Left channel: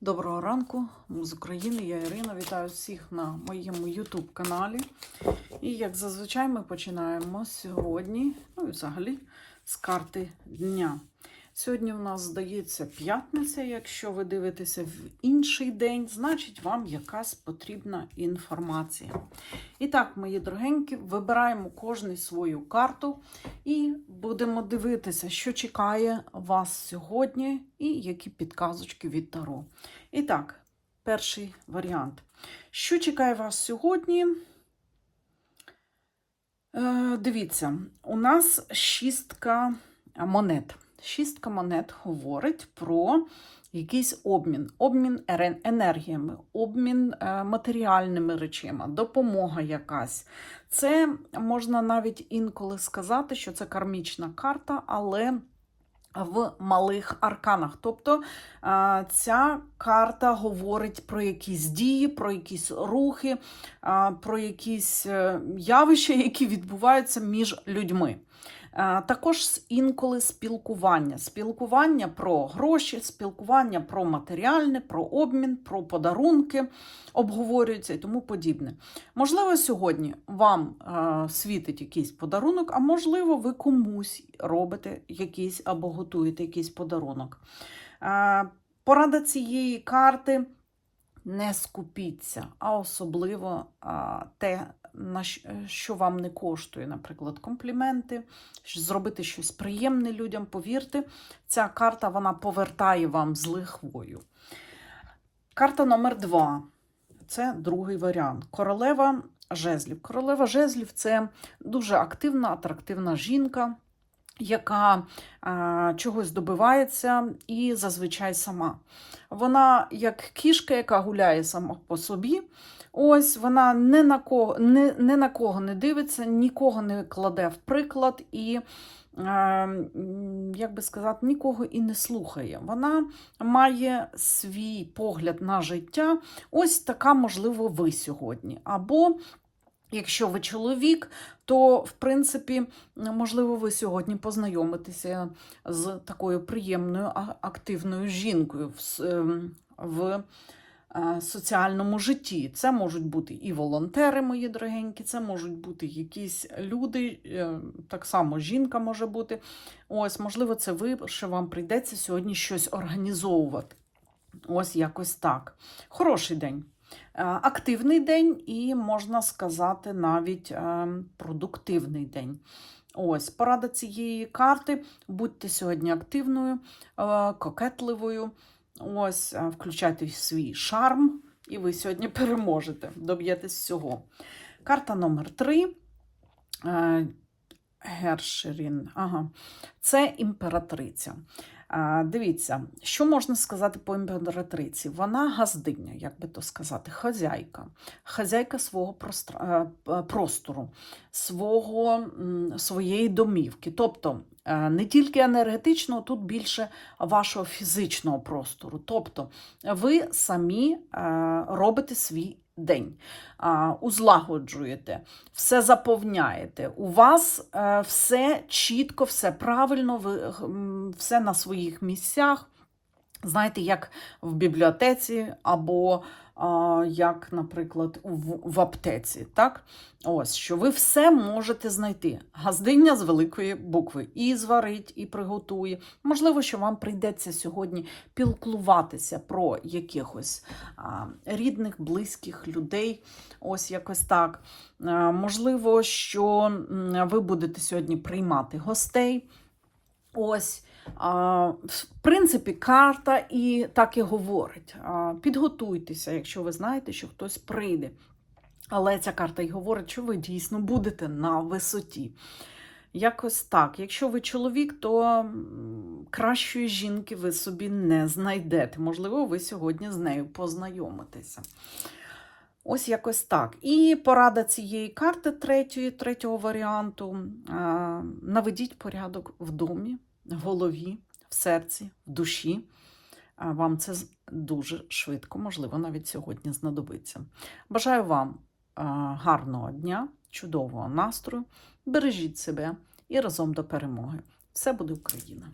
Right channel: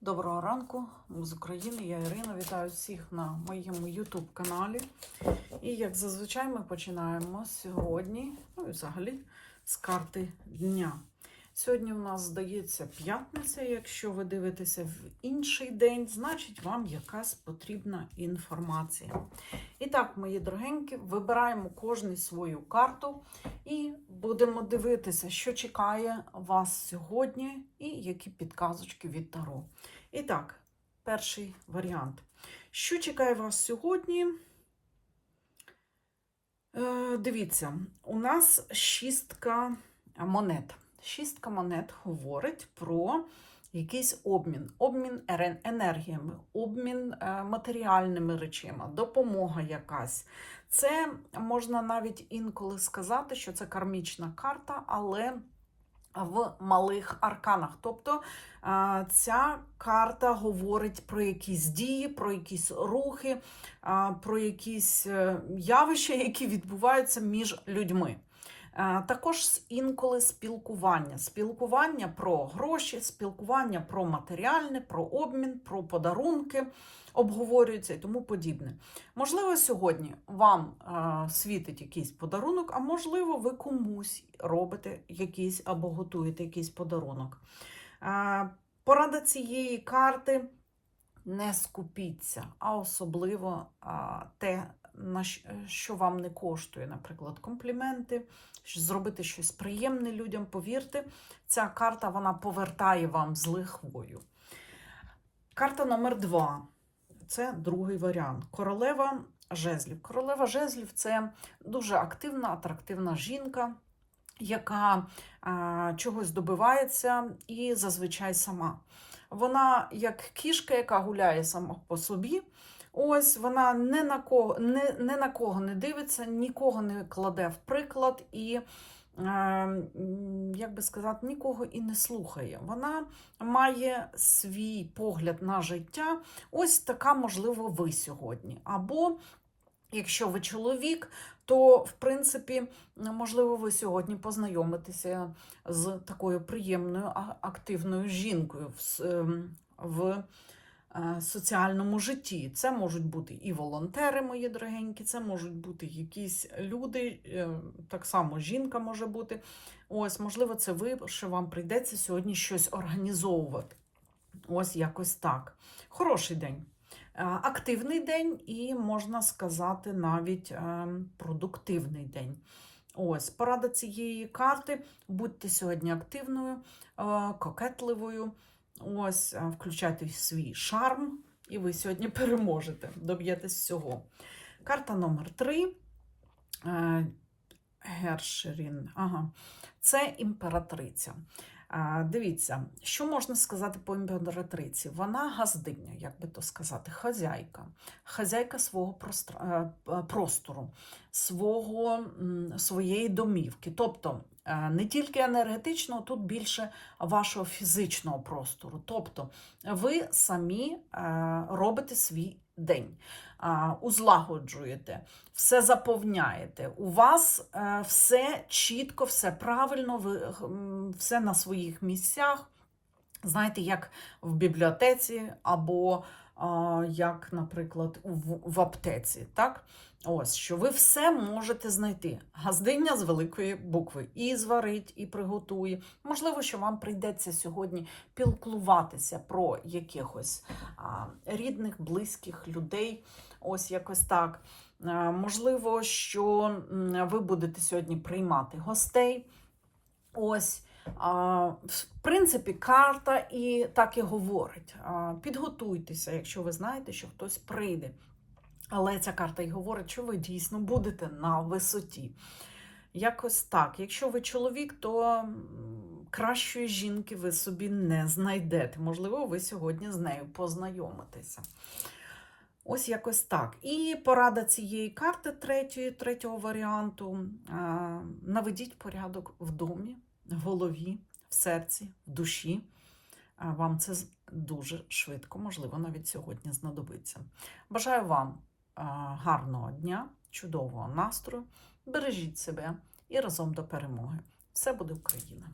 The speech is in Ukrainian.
Доброго ранку з України. Я Ірина. Вітаю всіх на моєму YouTube каналі. І як зазвичай ми починаємо сьогодні, ну і взагалі з карти дня. Сьогодні у нас здається п'ятниця. Якщо ви дивитеся в інший день, значить вам якась потрібна інформація. І так, мої дорогенькі, вибираємо кожний свою карту і будемо дивитися, що чекає вас сьогодні, і які підказочки від Таро. І так, перший варіант. Що чекає вас сьогодні? Е, дивіться, у нас шістка монет. Шістка монет говорить про якийсь обмін, обмін енергіями, обмін е, матеріальними речима, допомога якась. Це можна навіть інколи сказати, що це кармічна карта, але в малих арканах. Тобто е, ця карта говорить про якісь дії, про якісь рухи, е, про якісь явища, які відбуваються між людьми. Е, Також інколи спілкування. Спілкування про гроші, спілкування про матеріальне, про обмін, про подарунки обговорюються і тому подібне. Можливо, сьогодні вам е, світить якийсь подарунок, а можливо, ви комусь робите якийсь або готуєте якийсь подарунок. Е, порада цієї карти не скупіться, а особливо а, те, на що вам не коштує, наприклад, компліменти, зробити щось приємне людям. Повірте, ця карта вона повертає вам з лихвою. Карта номер два. Це другий варіант. Королева жезлів. Королева жезлів це дуже активна, атрактивна жінка, яка а, чогось добивається і зазвичай сама. Вона як кішка, яка гуляє сама по собі. Ось вона не на кого не, не на кого не дивиться, нікого не кладе в приклад і, як би сказати, нікого і не слухає. Вона має свій погляд на життя. Ось така, можливо, ви сьогодні. Або Якщо ви чоловік, то в принципі, можливо, ви сьогодні познайомитеся з такою приємною активною жінкою в, ем, в е, соціальному житті. Це можуть бути і волонтери, мої дорогенькі, це можуть бути якісь люди, е, так само жінка може бути. Ось, можливо, це ви, що вам прийдеться сьогодні щось організовувати. Ось якось так. Хороший день. Е, Активний день і, можна сказати, навіть е, продуктивний день. Ось, порада цієї карти. Будьте сьогодні активною, е, кокетливою. Ось, включайте свій шарм, і ви сьогодні переможете, доб'єтесь всього. Карта номер 3. Гершерін. Ага. Це імператриця. Дивіться, що можна сказати по імператриці? Вона газдиня, як би то сказати, хазяйка, хазяйка свого е, простору, свого, своєї домівки. Тобто е, не тільки енергетичного, тут більше вашого фізичного простору. Тобто ви самі е, робите свій день, узлагоджуєте, все заповняєте. У вас е, все чітко, все правильно, ви, все на своїх місцях. Знаєте, як в бібліотеці або а, як, наприклад, в, в аптеці. Так? Ось, що ви все можете знайти. Газдиня з великої букви і зварить, і приготує. Можливо, що вам прийдеться сьогодні пілкуватися про якихось а, рідних, близьких людей. Ось якось так. А, можливо, що ви будете сьогодні приймати гостей. Ось. В принципі, карта і так і говорить. Підготуйтеся, якщо ви знаєте, що хтось прийде. Але ця карта і говорить, що ви дійсно будете на висоті. Якось так. Якщо ви чоловік, то кращої жінки ви собі не знайдете. Можливо, ви сьогодні з нею познайомитеся. Ось якось так. І порада цієї карти третьої, третього варіанту. Наведіть порядок в домі, в голові, в серці, в душі. Вам це дуже швидко, можливо, навіть сьогодні знадобиться. Бажаю вам гарного дня, чудового настрою. Бережіть себе і разом до перемоги. Все буде Україна!